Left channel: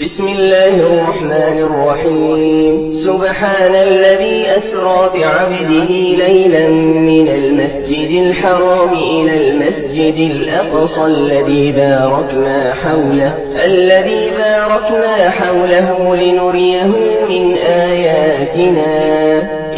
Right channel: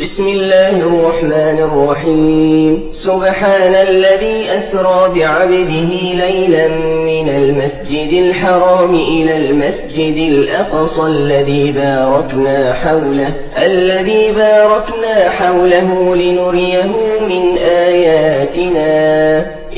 بسم الله الرحمن الرحيم. سبحان الذي أسرى بعبده ليلا من المسجد الحرام إلى المسجد الأقصى الذي باركنا حوله لنريه من آياتنا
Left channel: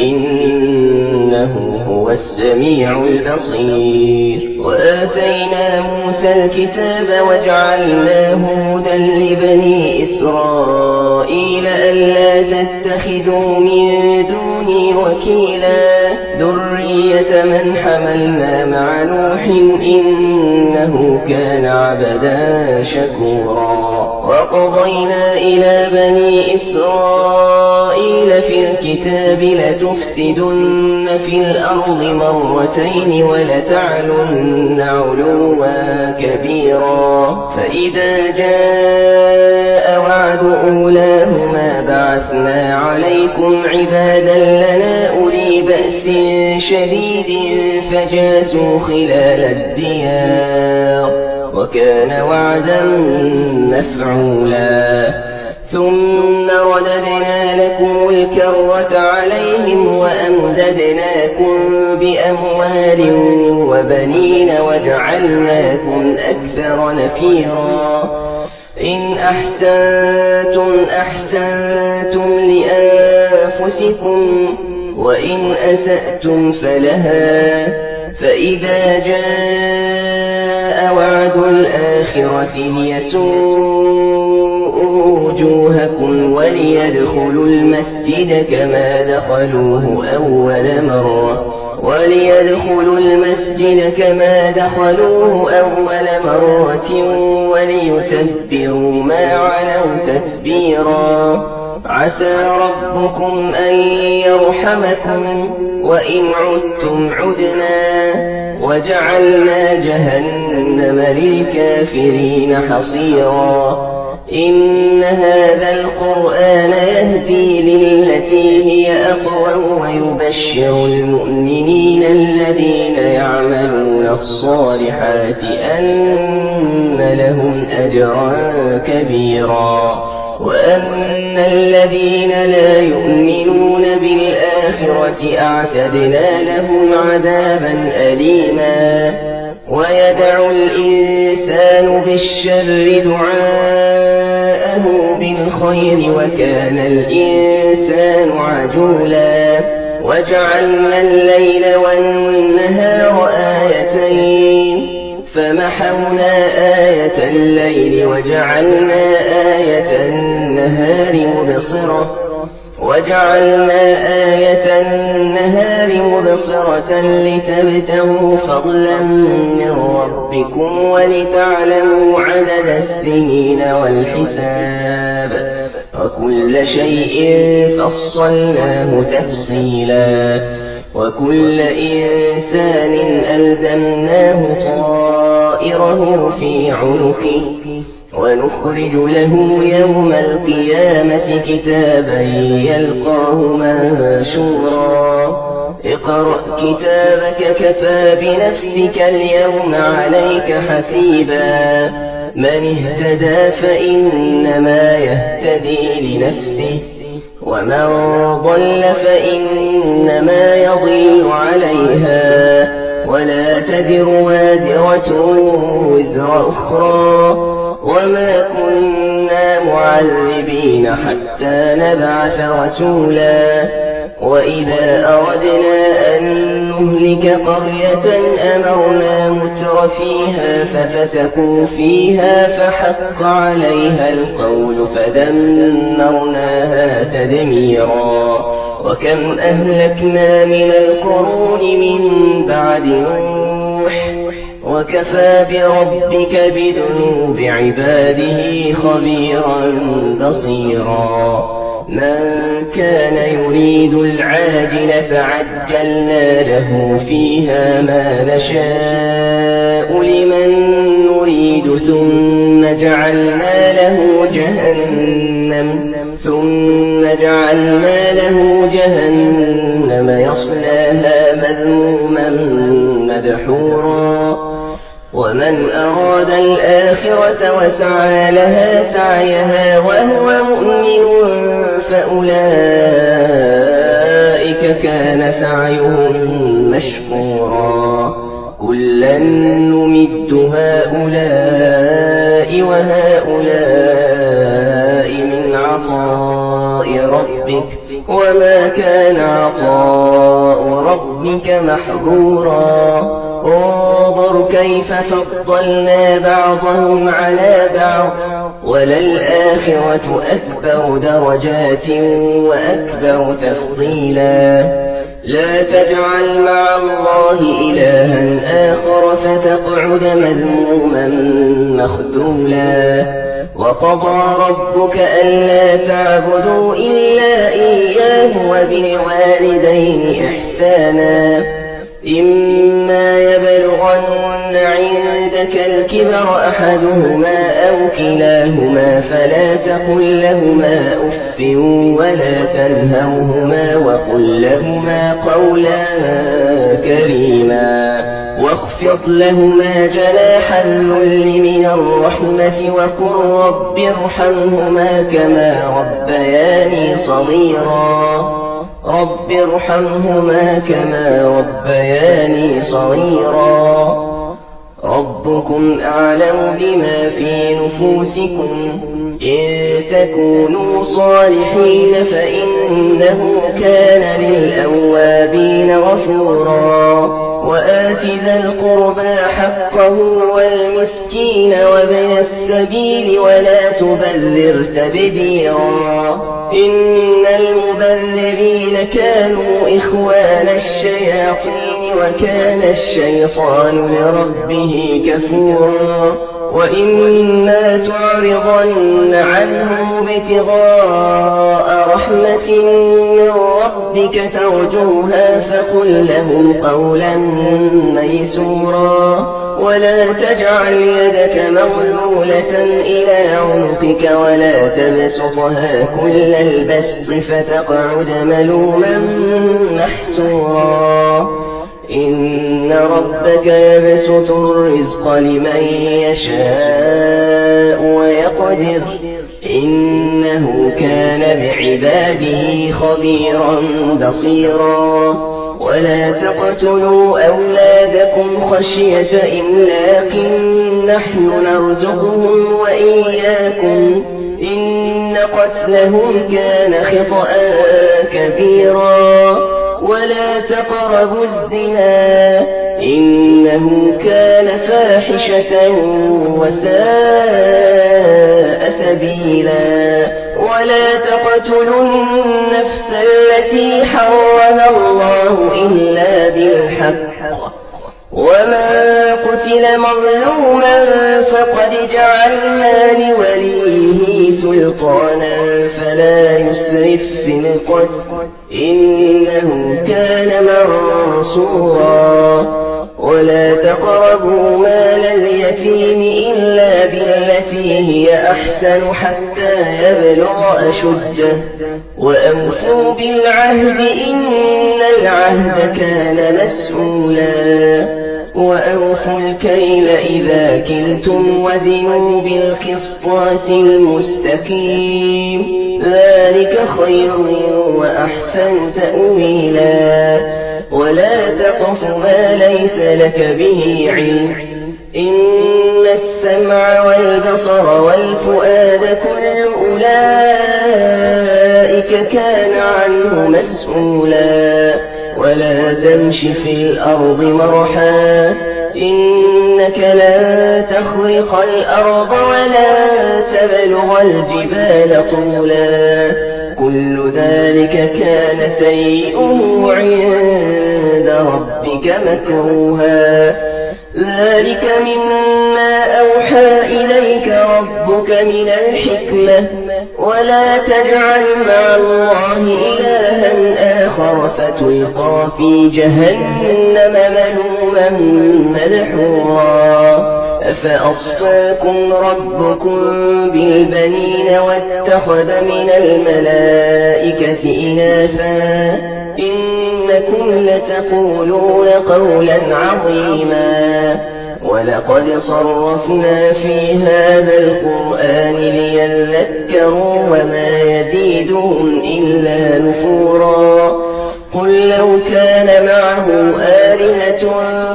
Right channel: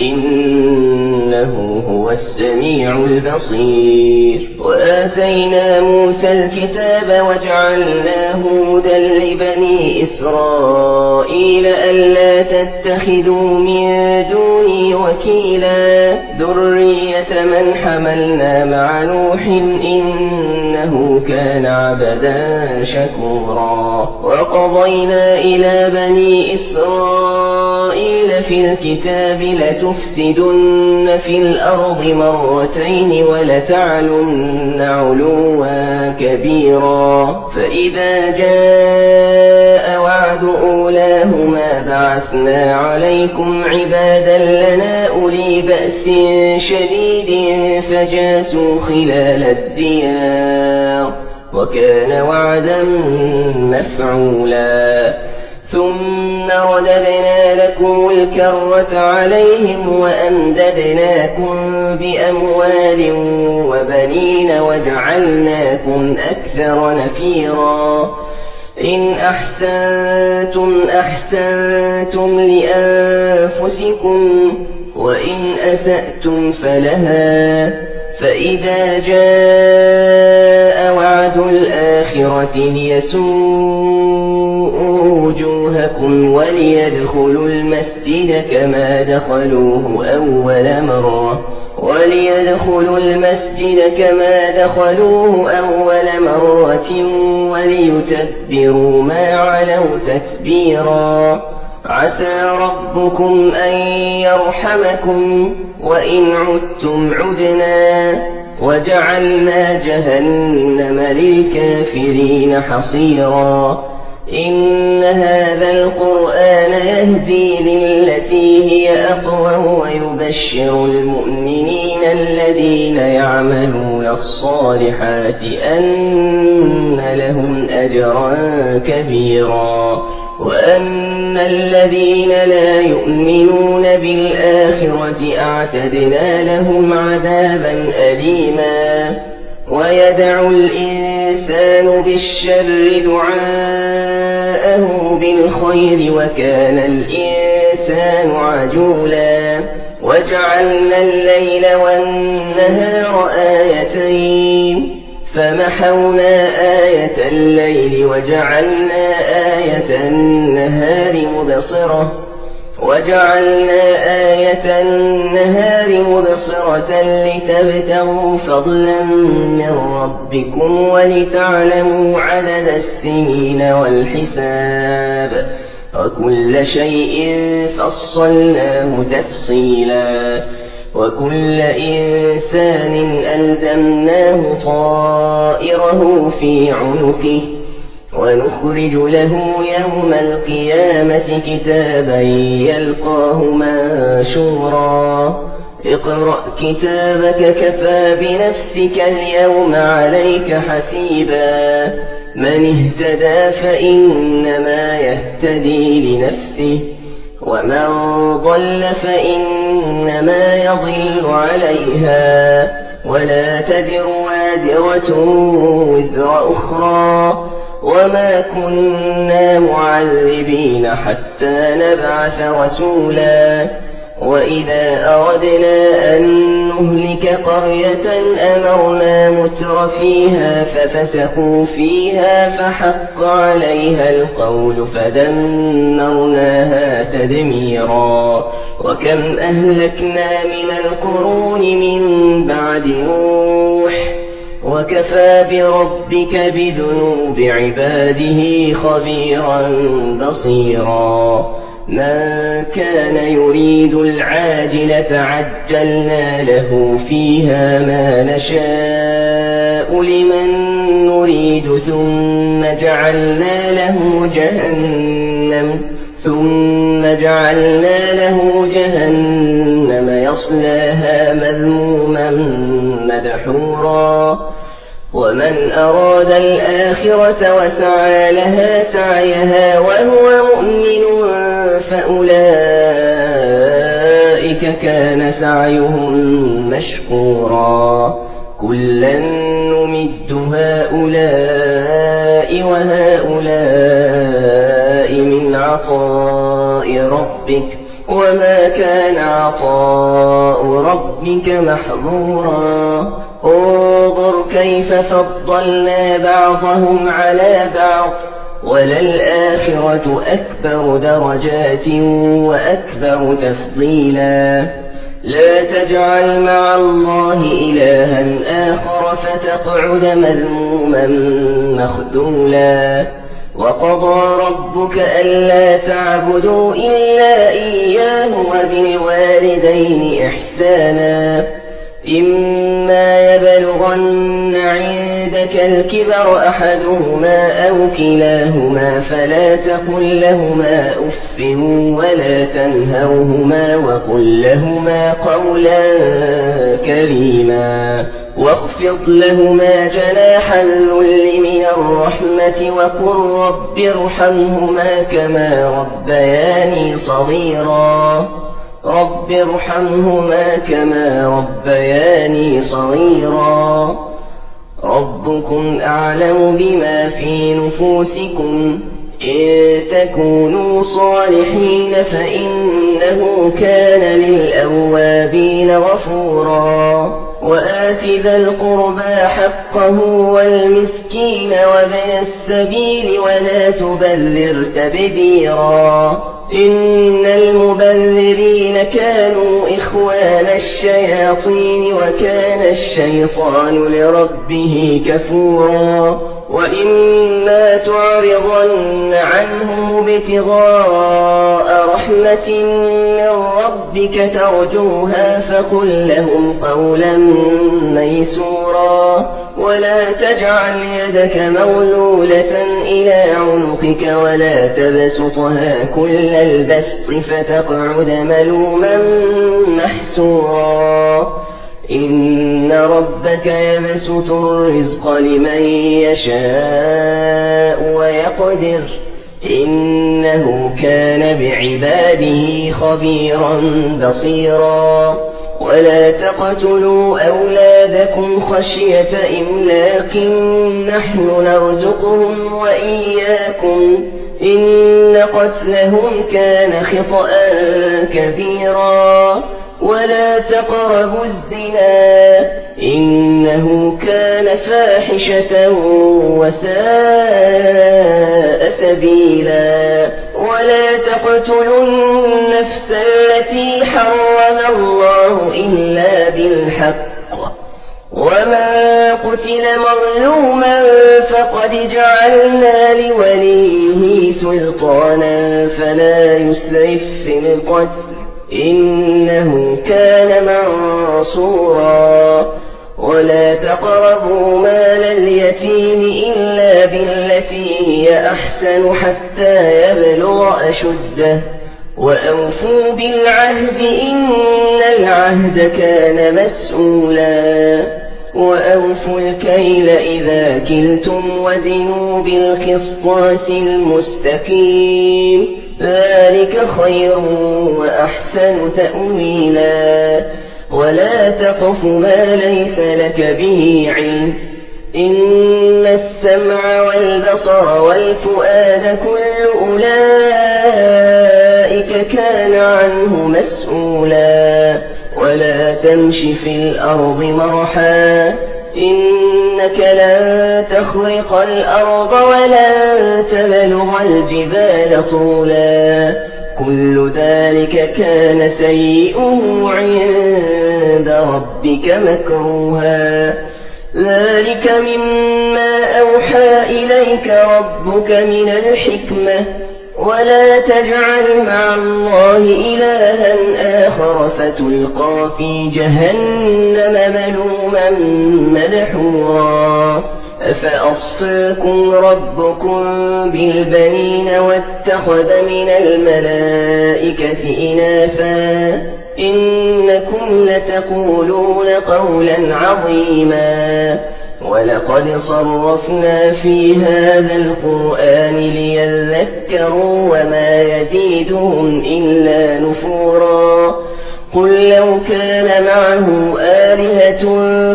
إنه هو السميع البصير. وآتينا موسى الكتاب وجعلناه هدى لبني إسرائيل ألا تتخذوا من دوني وكيلا ذرية من حملنا مع نوح إنه كان عبدا شكورا. وقضينا إلى بني إسرائيل في الكتاب لتفسدن في الأرض مرتين ولتعلن علوا كبيرا. فإذا جاء وعد أولاهما بعثنا عليكم عبادا لنا أولي بأس شديد فجاسوا خلال الديار وكان وعدا مفعولا. ثم رددنا لكم الكرة عليهم وأمددناكم بأموال وبنين وجعلناكم أكثر نفيرا. إن أحسنتم لأنفسكم وإن أسأتم فلها. فإذا جاء وعد الآخرة ليسوءوا وجوهكم وليدخلوا المسجد كما دخلوه أول مرة وليتبروا ما علوا تتبيرا. عسى ربكم أن يرحمكم وإن عدتم عدنا وجعلنا جهنم للكافرين حصيرا. إن هذا القرآن يهدي للتي هي أقوم ويبشر المؤمنين الذين يعملون الصالحات أن لهم أجرا كبيرا. وأن الذين لا يؤمنون بالآخرة أعتدنا لهم عذابا أليما. ويدعو الإنسان بالشر دعاءه بالخير وكان الإنسان عجولا. وجعلنا الليل والنهار آيتين فمحونا آية الليل وجعلنا آية النهار مبصرة لتبتغوا فضلا من ربكم ولتعلموا عدد السنين والحساب وكل شيء فصلناه تفصيلا. وكل إنسان ألزمناه طائره في عنقه ونخرج له يوم القيامة كتابا يلقاه منشورا. اقرأ كتابك كفى بنفسك اليوم عليك حسيبا. من اهتدى فإنما يهتدي لنفسه ومن ضل فإنما يضل عليها ولا تزر وازرة وزر أخرى وما كنا معذبين حتى نبعث رسولا. وإذا أردنا أن نهلك قرية أمرنا متر فيها ففسقوا فيها فحق عليها القول فدمرناها تدميرا. وكم أهلكنا من القرون من بعد نوح وكفى بربك بذنوب عباده خبيرا بصيرا. من كان يريد العاجلة عجلنا له فيها ما نشاء لمن نريد ثم جعلنا له جهنم يصلاها مذموما مدحورا. ومن أراد الآخرة وسعى لها سعيها وهو فأولئك كان سعيهم مشكورا كلا نمد هؤلاء وهؤلاء من عطاء ربك وما كان عطاء ربك محظورا انظر كيف فضلنا بعضهم على بعض وللآخرة أكبر درجات وأكبر تفضيلا لا تجعل مع الله إلها آخر فتقعد مذموما مخذولا وقضى ربك ألا تعبدوا إلا إياه وبالوالدين إحسانا إما يبلغن عندك الكبر أحدهما أو كلاهما فلا تقل لهما أف ولا تنهرهما وقل لهما قولا كريما واخفض لهما جناح الذل من الرحمة وقل رب ارحمهما كما ربياني صغيرا رب ارحمهما كما ربياني صغيرا ربكم أعلم بما في نفوسكم إن تكونوا صالحين فإنه كان للأوابين غفورا وآت ذا القربى حقه والمسكين وابن السبيل ولا تبذر تبذيرا إن المبذرين كانوا إخوان الشياطين وكان الشيطان لربه كفورا وإما تعرضن عنهم ابتغاء رحمة من ربك ترجوها فقل لهم قولا ميسورا ولا تجعل يدك مغلولة إلى عنقك ولا تبسطها كل البسط فتقعد ملوما محسورا إن ربك يبسط الرزق لمن يشاء ويقدر إنه كان بعباده خبيرا بصيرا ولا تقتلوا أولادكم خشية إملاق نحن نرزقهم وإياكم إن قتلهم كان خطأ كبيرا ولا تقربوا الزنا إنه كان فاحشة وساء سبيلا ولا تقتلوا النفس التي حرم الله إلا بالحق وما قتل مظلوما فقد جعلنا لوليه سلطانا فلا يسرف في القتل إنه كان منصورا ولا تقربوا مال اليتيم إلا بالتي هي أحسن حتى يبلغ أشده وأوفوا بالعهد إن العهد كان مسؤولا وأوفوا الكيل إذا كلتم وزنوا بالقسطاس المستقيم ذلك خير وأحسن تأويلا ولا تقف ما ليس لك به علم إن السمع والبصر والفؤاد كل أولئك كان عنه مسؤولا ولا تمش في الأرض مرحا إنك لن تخرق الأرض ولن تبلغ الجبال طولا كل ذلك كان سيئه عند ربك مكروها ذلك مما أوحى إليك ربك من الحكمة ولا تجعل مع الله إلها آخر فتلقى في جهنم ملوما مدحورا أفأصفاكم ربكم بالبنين واتخذ من الملائكة إناثا إنكم لتقولون قولا عظيما ولقد صرفنا في هذا القرآن ليذكروا وما يزيدهم إلا نفورا قل لو كان معه آلهة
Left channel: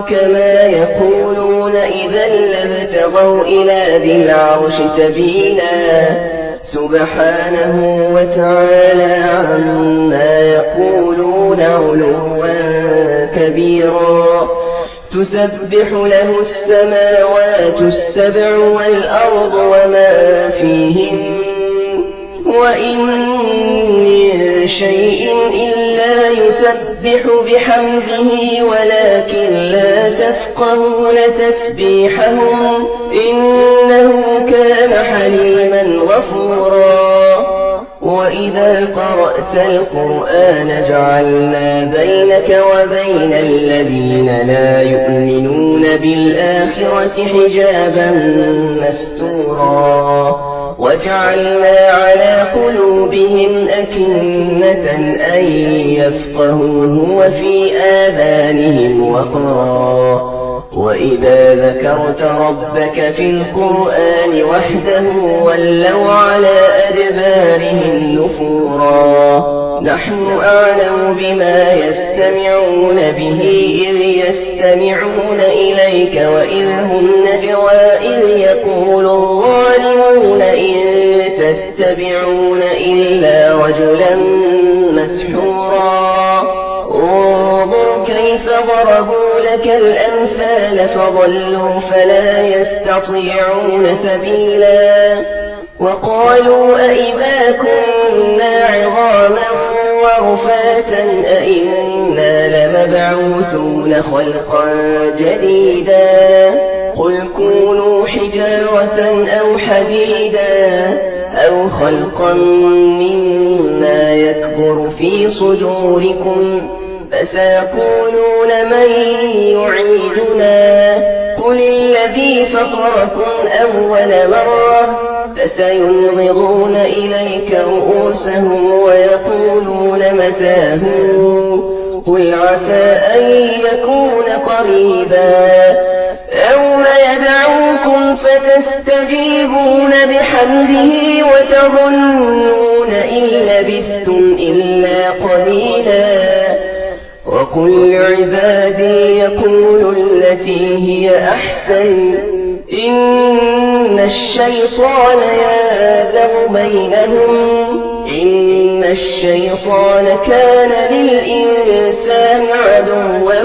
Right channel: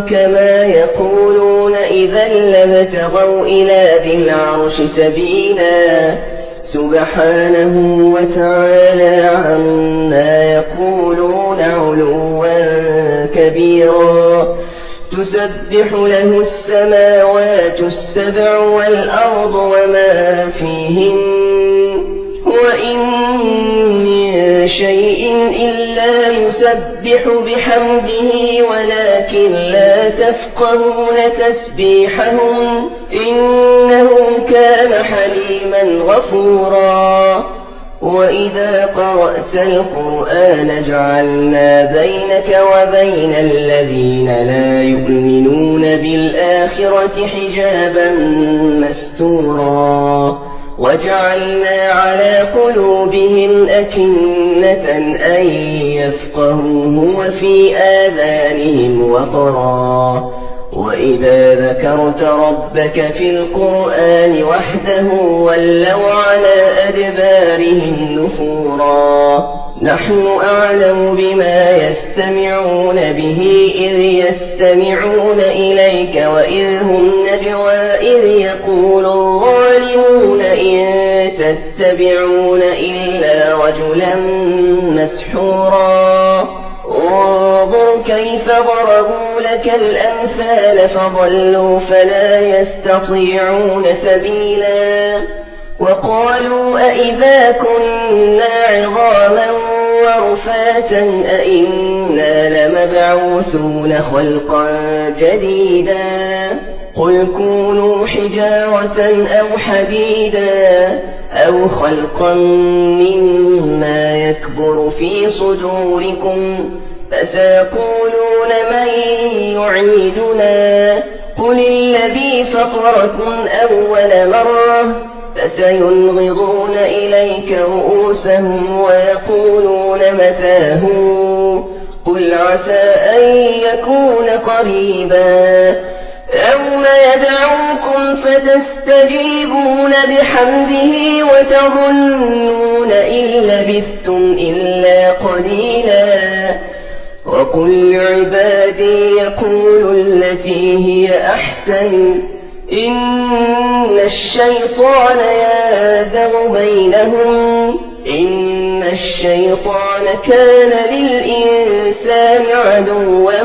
كما يقولون إذا لابتغوا إلى ذي العرش سبيلا سبحانه وتعالى عما يقولون علوا كبيرا تسبح له السماوات السبع والأرض وما فيهن وإن من شيء إلا يسبح بحمده ولكن لا تفقهون تسبيحهم إنه كان حليما غفورا وإذا قرأت القرآن جعلنا بينك وبين الذين لا يؤمنون بالآخرة حجابا مستورا وجعلنا على قلوبهم أكنة أن يفقهوه وفي آذانهم وقرا وإذا ذكرت ربك في القرآن وحده ولوا على أدبارهم نفورا نحن أعلم بما يستمعون به إذ يستمعون إليك وإذ هم نجوى إذ يقول الظالمون إن تتبعون إلا رجلا مسحورا انظر كيف ضربوا لك الأمثال فضلوا فلا يستطيعون سبيلا وقالوا أئذا كنا عظاما ورفاتا أئنا لمبعوثون خلقا جديدا قل كونوا حجارة أو حديدا أو خلقا مما يكبر في صدوركم فسيقولون من يعيدنا قل الذي فطركم أول مرة فسينغضون إليك رؤوسهم ويقولون متى هو قل عسى أن يكون قريبا يوم يدعوكم فتستجيبون بحمده وتظنون إن لبثتم إلا قليلا وقل لعبادي يقولوا التي هي أحسن إن الشيطان يأذن بينهم إن الشيطان كان للإنسان عدوا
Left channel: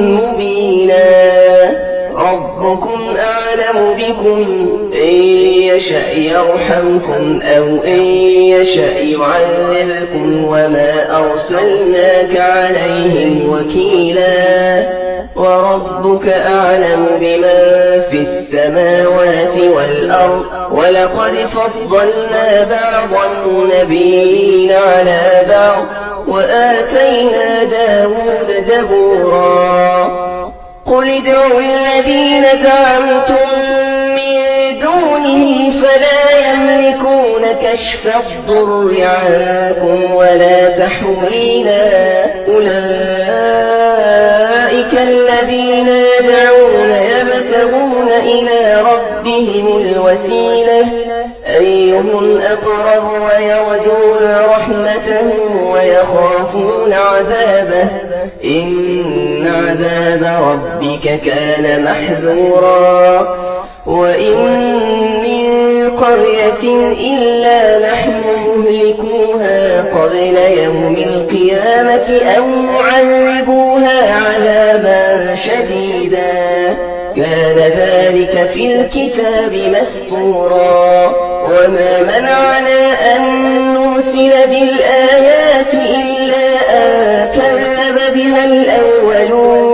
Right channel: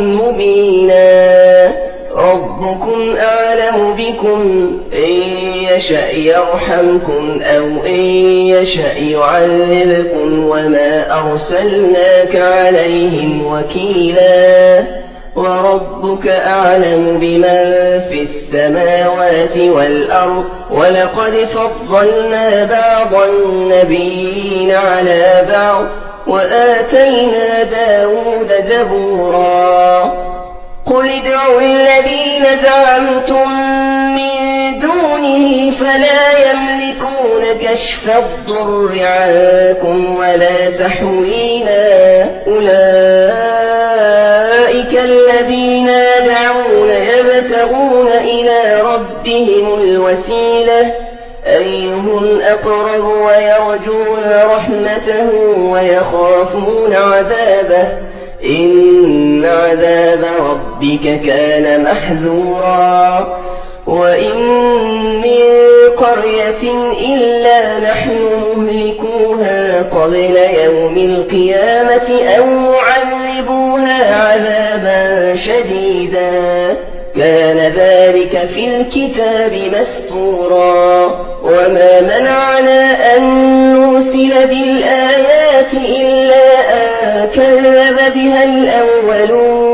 مبينا ربكم أعلم بكم إن يشأ يرحمكم أو إن يشأ يعذبكم وما أرسلناك عليهم وكيلا وربك أعلم بمن في السماوات والأرض ولقد فضلنا بعض النبيين على بعض وآتينا داود زبورا قل ادعوا الذين زعمتم من دونه فلا يملكون كشف الضر عنكم ولا تحويلا أولئك الذين يدعون يبتغون إلى ربهم الوسيلة أيهم أقرب ويرجون رحمته ويخافون عذابه إن عذاب ربك كان محذورا وإن من قرية إلا نحن مهلكوها قبل يوم القيامة أو معذبوها عذابا شديدا كان ذلك في الكتاب مسطورا وما منعنا أن نرسل بالآيات إلا أن كذب بها الأولون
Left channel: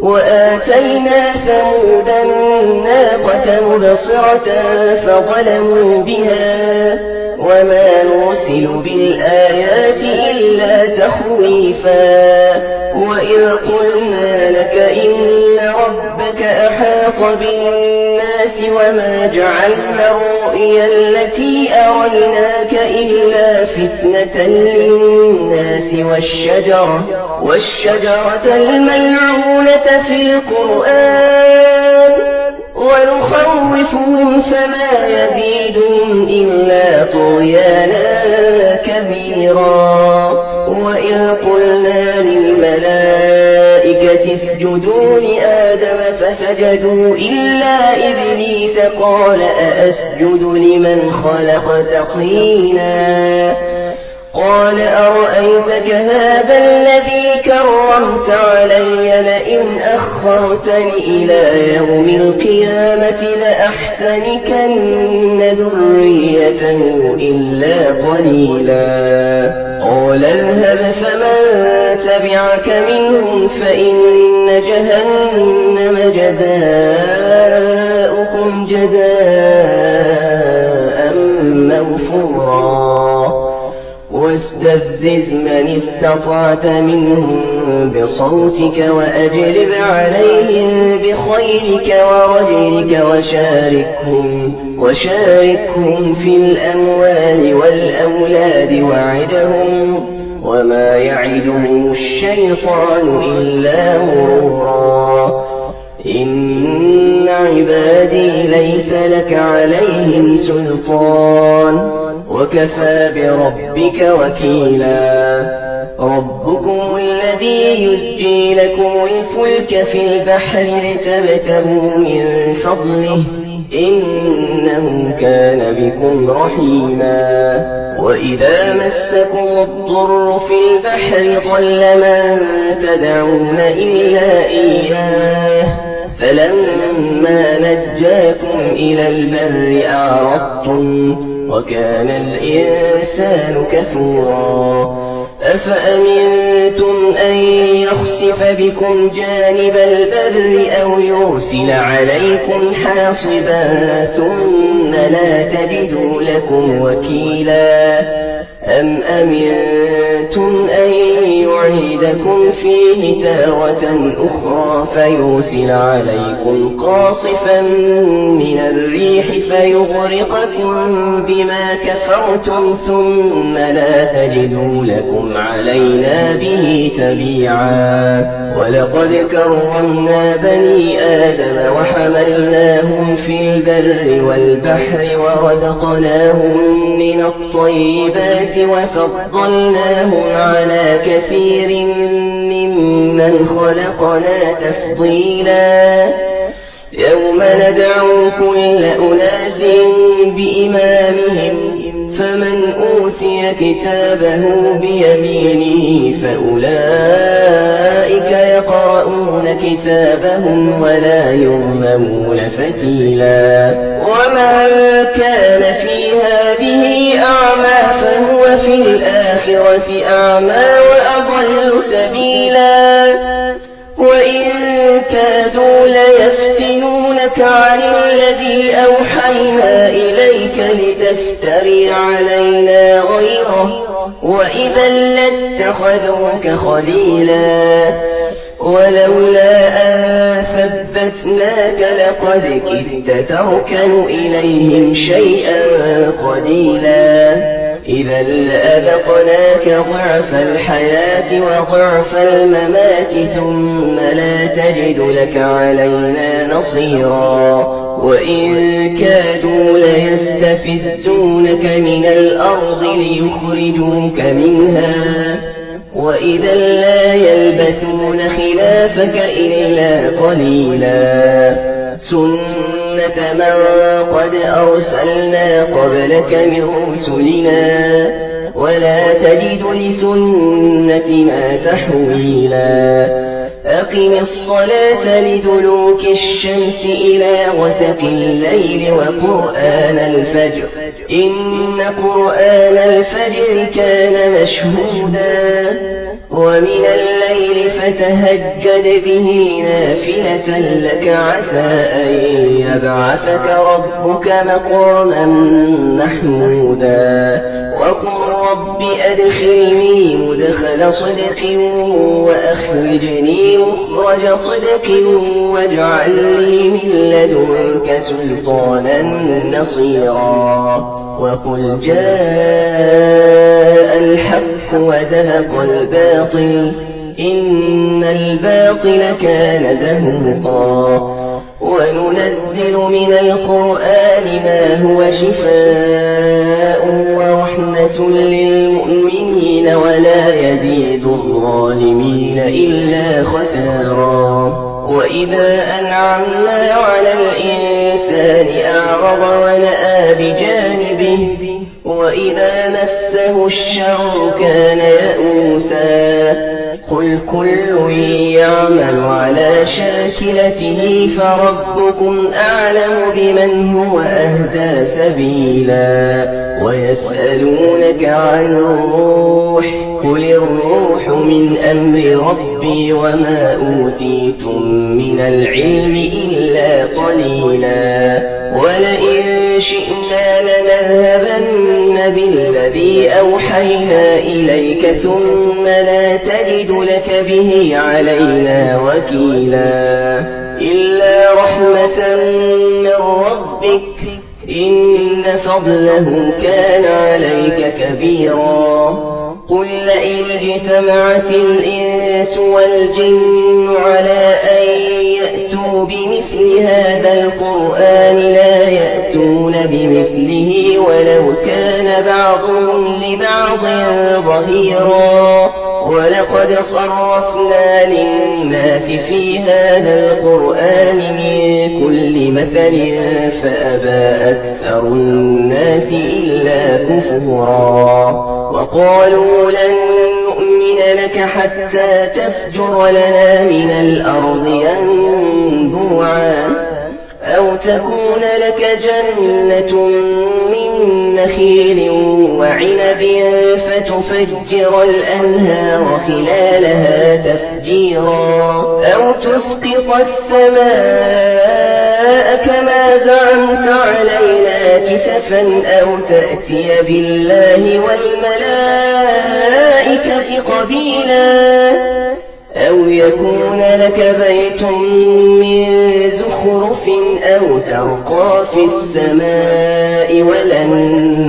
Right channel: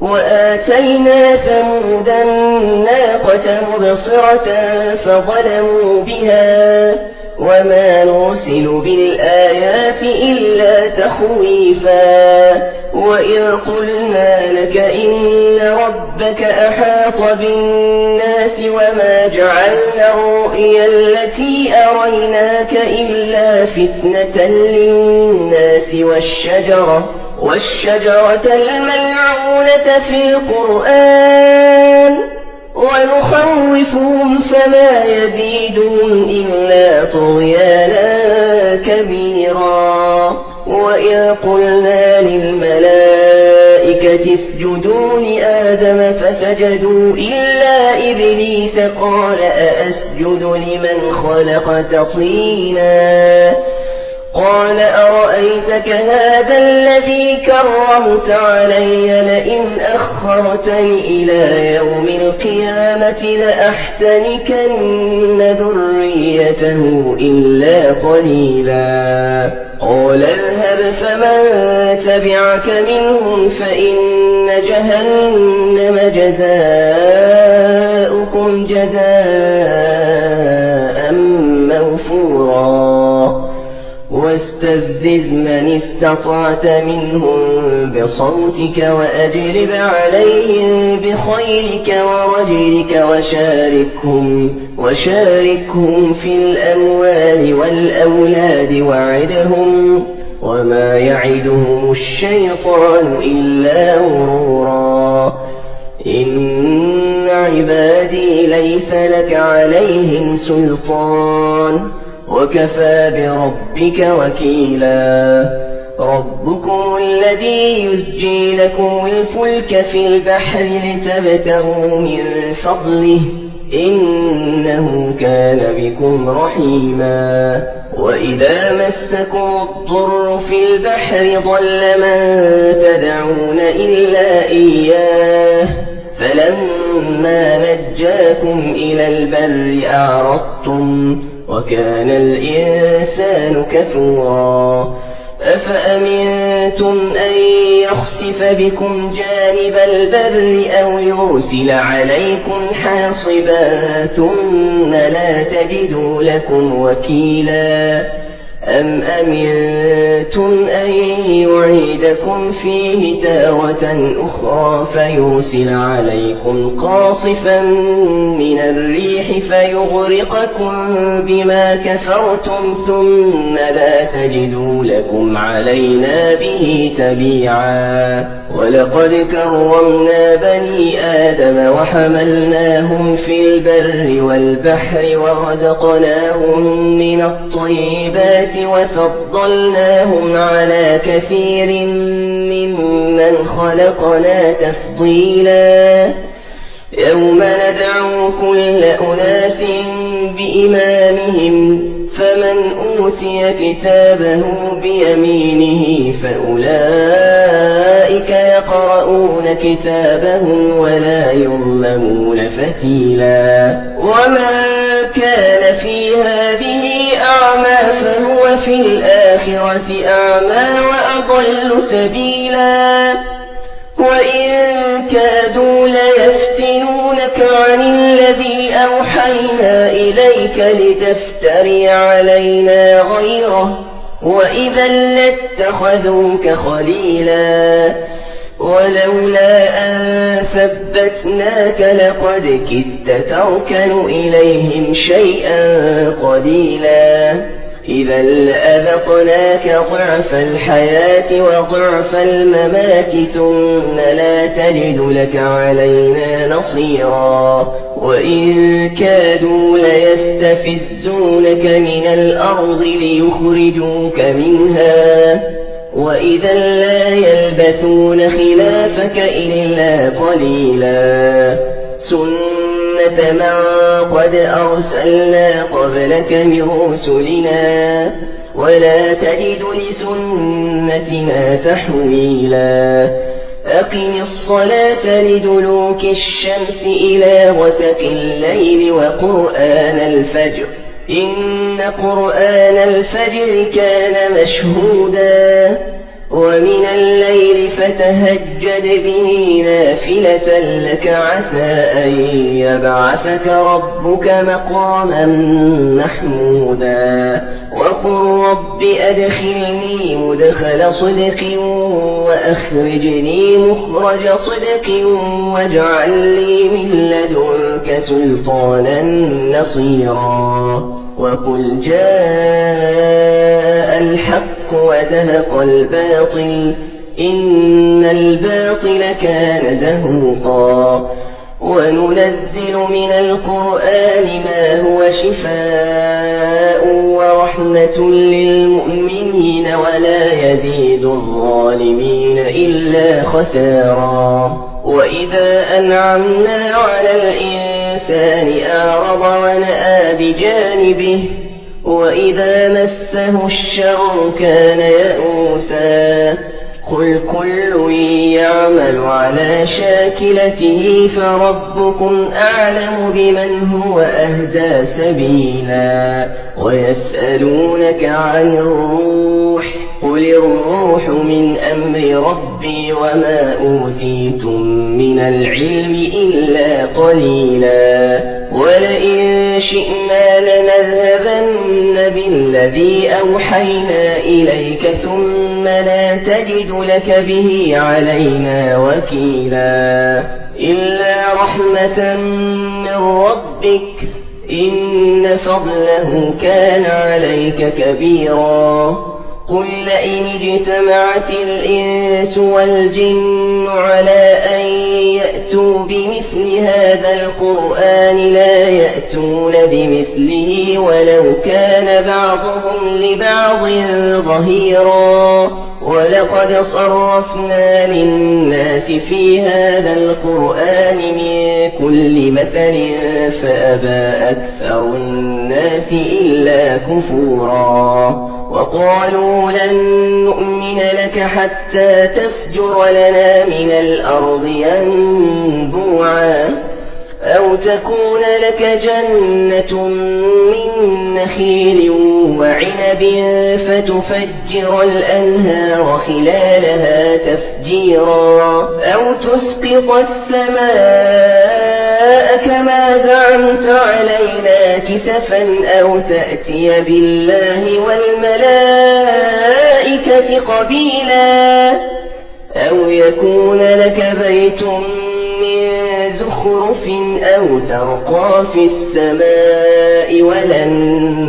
وآتينا ثمود الناقة مبصرة فظلموا بها وما نرسل بالآيات إلا تخويفا وإذ قلنا لك إن ربك أحاط بالناس وما جعلنا الرؤيا التي أريناك إلا فتنة للناس والشجرة الملعونة في القرآن ونخوفهم فما يزيدهم إلا طغيانا كبيرا وإذ قلنا للملائكة اسجدوا لآدم فسجدوا إلا إبليس قال أأسجد لمن خلقت طينا قال أرأيتك هذا الذي كرمت علي لئن أخرتني إلى يوم القيامة لأحتنكن ذريته إلا قليلا قال اذهب فمن تبعك منهم فإن جهنم جزاؤكم جزاء موفورا واستفزز من استطعت منهم بصوتك وأجلب عليهم بخيلك ورجلك وشاركهم في الأموال والأولاد وعدهم وما يعدهم الشيطان إلا غرورا إن عبادي ليس لك عليهم سلطان وكفى بربك وكيلا ربكم الذي يزجي لكم الفلك في البحر لتبتغوا من فضله إنه كان بكم رحيما وإذا مسكم الضر في البحر ضل من تدعون إلا إياه فلما نجاكم إلى البر أعرضتم وكان الإنسان كفورا أفأمنتم أن يخسف بكم جانب البر أو يرسل عليكم حاصبا ثم لا تجدوا لكم وكيلا أم أمنتم أن يعيدكم فيه تارة أخرى فيرسل عليكم قاصفا من الريح فيغرقكم بما كفرتم ثم لا تجدوا لكم علينا به تبيعا ولقد كرمنا بني آدم وحملناهم في البر والبحر ورزقناهم من الطيبات وفضلناهم على كثير ممن خلقنا تفضيلا يوم ندعو كل أناس بإمامهم فمن أوتي كتابه بيمينه فأولئك يقرؤون كتابهم ولا يظلمون فتيلا ومن كان في هذه أعمى فهو في الآخرة أعمى وأضل سبيلا وإن كادوا ليفتنونك عن الذي أوحينا إليك لتفتري علينا غيره وإذا لاتخذوك خليلا ولولا أن ثبتناك لقد كدت تركن إليهم شيئا قليلا إذا لأذقناك ضعف الحياة وضعف الممات ثم لا تجد لك علينا نصيرا وإن كادوا ليستفزونك من الأرض ليخرجوك منها وإذا لا يلبثون خلافك إلا قليلا سنة من قد أرسلنا قبلك من رسلنا ولا تجد لسنتنا تحويلا أقم الصلاة لدلوك الشمس إلى غسق الليل وقرآن الفجر إن قرآن الفجر كان مشهودا ومن الليل فتهجد به نافلة لك عسى أن يبعثك ربك مقاما محمودا وقل رب أدخلني مدخل صدق وأخرجني مخرج صدق واجعل لي من لدنك سلطانا نصيرا وقل جاء الحق وزهق الباطل إن الباطل كان زهوقا وننزل من القرآن ما هو شفاء ورحمة للمؤمنين ولا يزيد الظالمين إلا خسارا وإذا أنعمنا على الإنسان أعرض ونأى بجانبه وإذا مسه الشر كان يئوسا قل كل يعمل على شاكلته فربكم أعلم بمن هو أهدى سبيلا ويسألونك عن الروح قل الروح من أمر ربي وما أوتيتم من العلم إلا قليلا ولئن شئنا لنذهبن بالذي أوحينا إليك ثم لا تجد لك به علينا وكيلا إلا رحمة من ربك إن فضله كان عليك كبيرا قل لئن اجتمعت الإنس والجن على أن يأتوا بمثل هذا القرآن لا يأتون بمثله ولو كان بعضهم لبعض ظهيرا ولقد صرفنا للناس في هذا القرآن من كل مثل فأبى أكثر الناس إلا كفورا وقالوا لن نؤمن لك حتى تفجر لنا من الأرض ينبوعا أو تكون لك جنة من نخيل وعنب فتفجر الأنهار خلالها تفجيرا أو تسقط السماء كما زعمت علينا كسفا أو تأتي بالله والملائكة قبيلا أو يكون لك بيت من زخرف أو ترقى في السماء ولن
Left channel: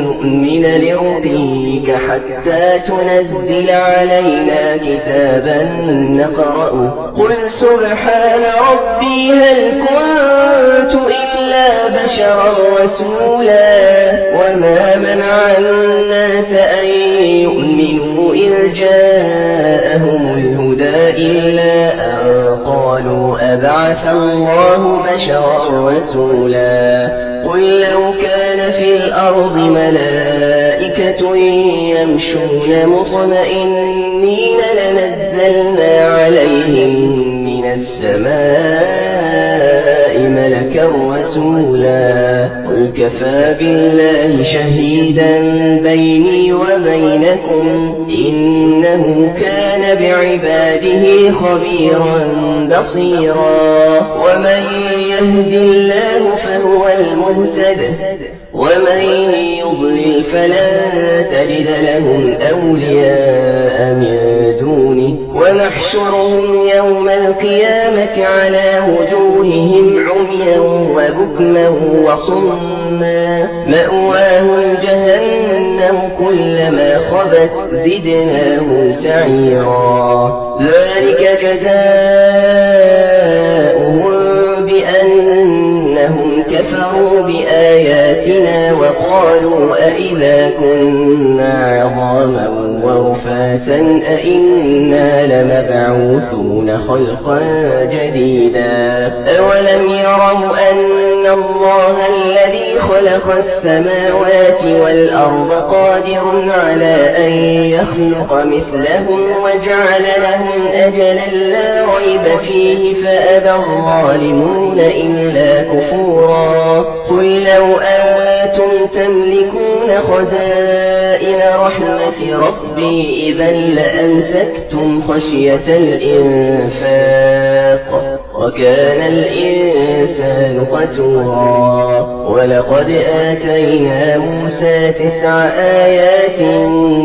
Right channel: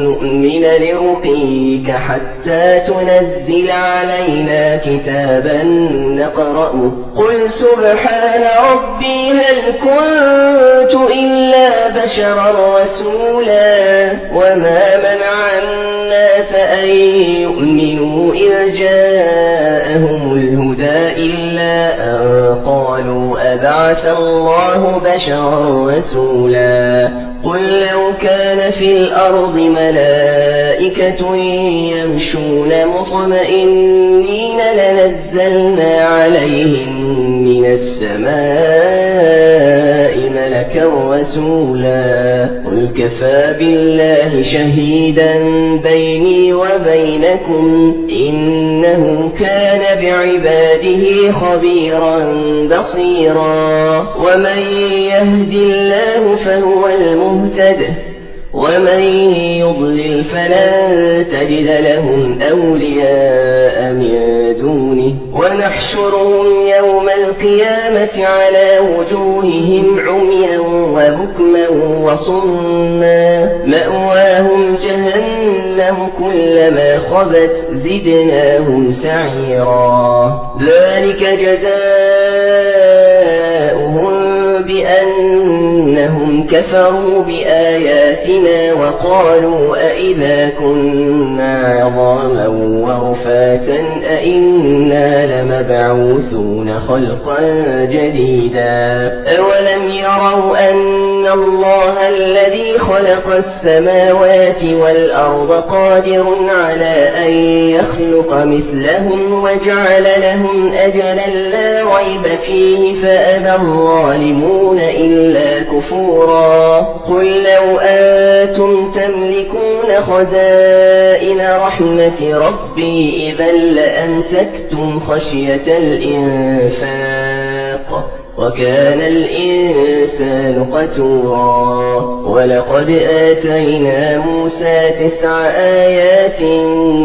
نؤمن لرقيك حتى تنزل علينا كتابا نقرأه قل سبحان ربي هل كنت إلا بشرا رسولا وما منع الناس أن يؤمنوا إذ جاءهم الهدى إلا أن قالوا أبعث الله بشرا رسولا قل لو كان في الأرض ملائكة يمشون مطمئنين لنزلنا عليهم من السماء ملكا رسولا قل كفى بالله شهيدا بيني وبينكم إنه كان بعباده خبيرا بصيرا ومن يهد الله فهو المهتد ومن يضلل فلن تجد لهم أولياء من دونه ونحشرهم يوم القيامة على وجوههم عميا وبكما وصما مأواهم جهنم كلما خبت زدناهم سعيرا ذلك جزاؤهم بأنهم كفروا بآياتنا وقالوا أئذا كنا عظاما ورفاتا أئنا لمبعوثون خلقا جديدا أولم يروا أن الله الذي خلق السماوات والأرض قادر على أن يخلق مثلهم وجعل لهم أجلا لا ريب فيه فأبى الظالمون إلا كفورا قل لو أنتم تملكون خزائن رحمة ربي إذا لأمسكتم خشية الإنفاق وكان الإنسان قتورا ولقد آتينا موسى 9 آيات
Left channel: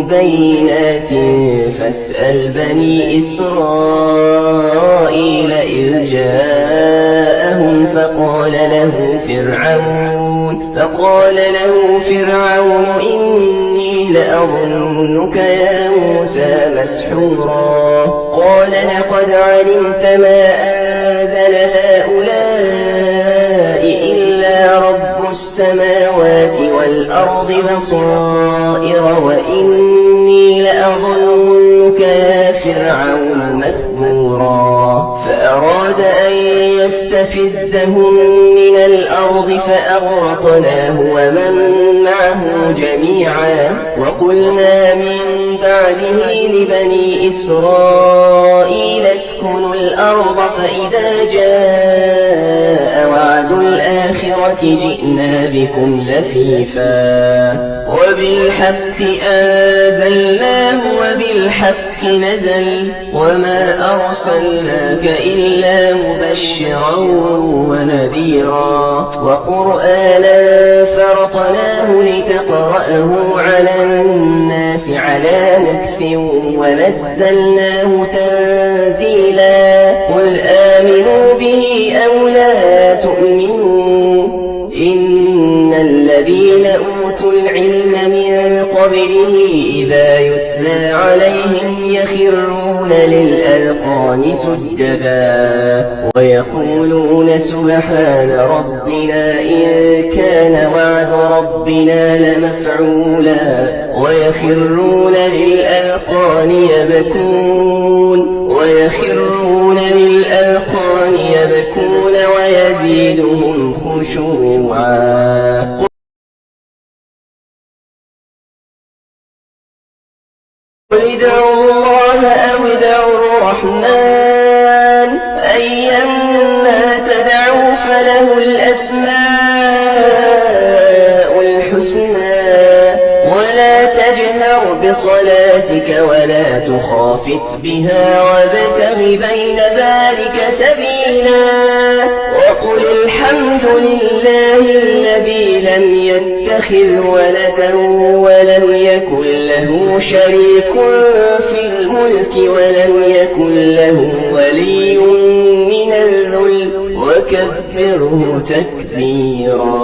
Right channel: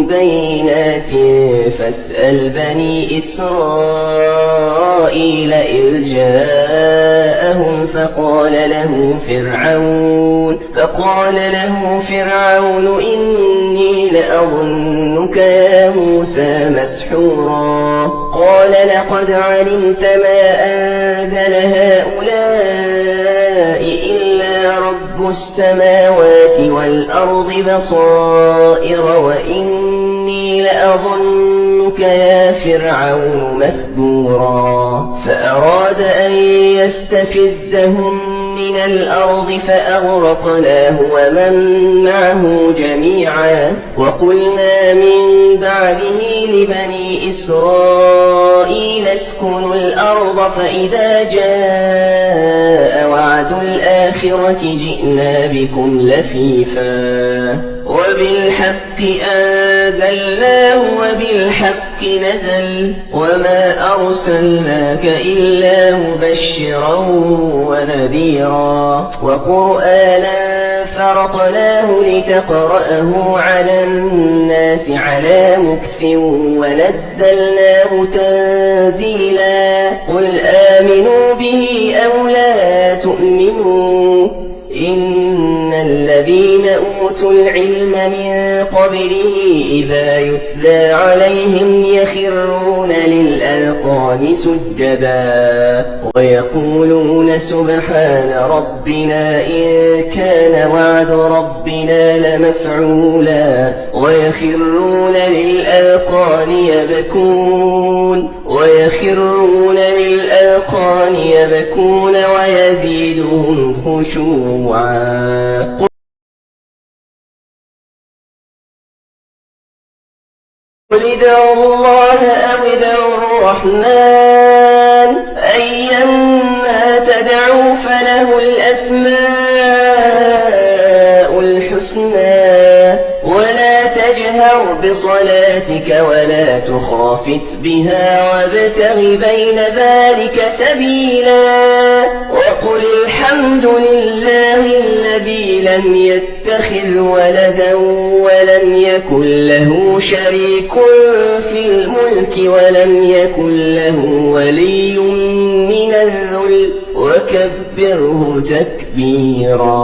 بينات فاسأل بني إسرائيل إذ جاءهم فقال له فرعون إني لأظنك يا موسى مسحورا قال لقد علمت ما أنزل هؤلاء إلا رب السماوات والأرض بصائر وإني لأظنك يا فرعون مثبورا فأراد أن يستفزهم من الأرض فأغرقناه ومن معه جميعا وقلنا من بعده لبني إسرائيل اسكنوا الأرض فإذا جاء وعد الآخرة جئنا بكم لفيفا وبالحق أنزلناه وبالحق نزل وما أرسلناك إلا مبشرا ونذيرا وقرآنا فرقناه لتقرأه على الناس على مكث ونزلناه تنزيلا قل آمنوا به أو لا تؤمنوا إن الذين أوتوا العلم من قبله إذا يتلى عليهم يخرون للأذقان سجدا ويقولون سبحان ربنا إن كان وعد ربنا لمفعولا ويخرون للأذقان يبكون ويزيدهم خشوعا قل ادعوا الله أو ادعوا الرحمن أيما تدعوا فله الأسماء الحسنى ولا تجهر بصلاتك ولا تخافت بها وابتغ بين ذلك سبيلا وقل الحمد لله الذي لم يتخذ ولدا ولم يكن له شريك في الملك ولم يكن له ولي من الذل وكبره تكبيرا.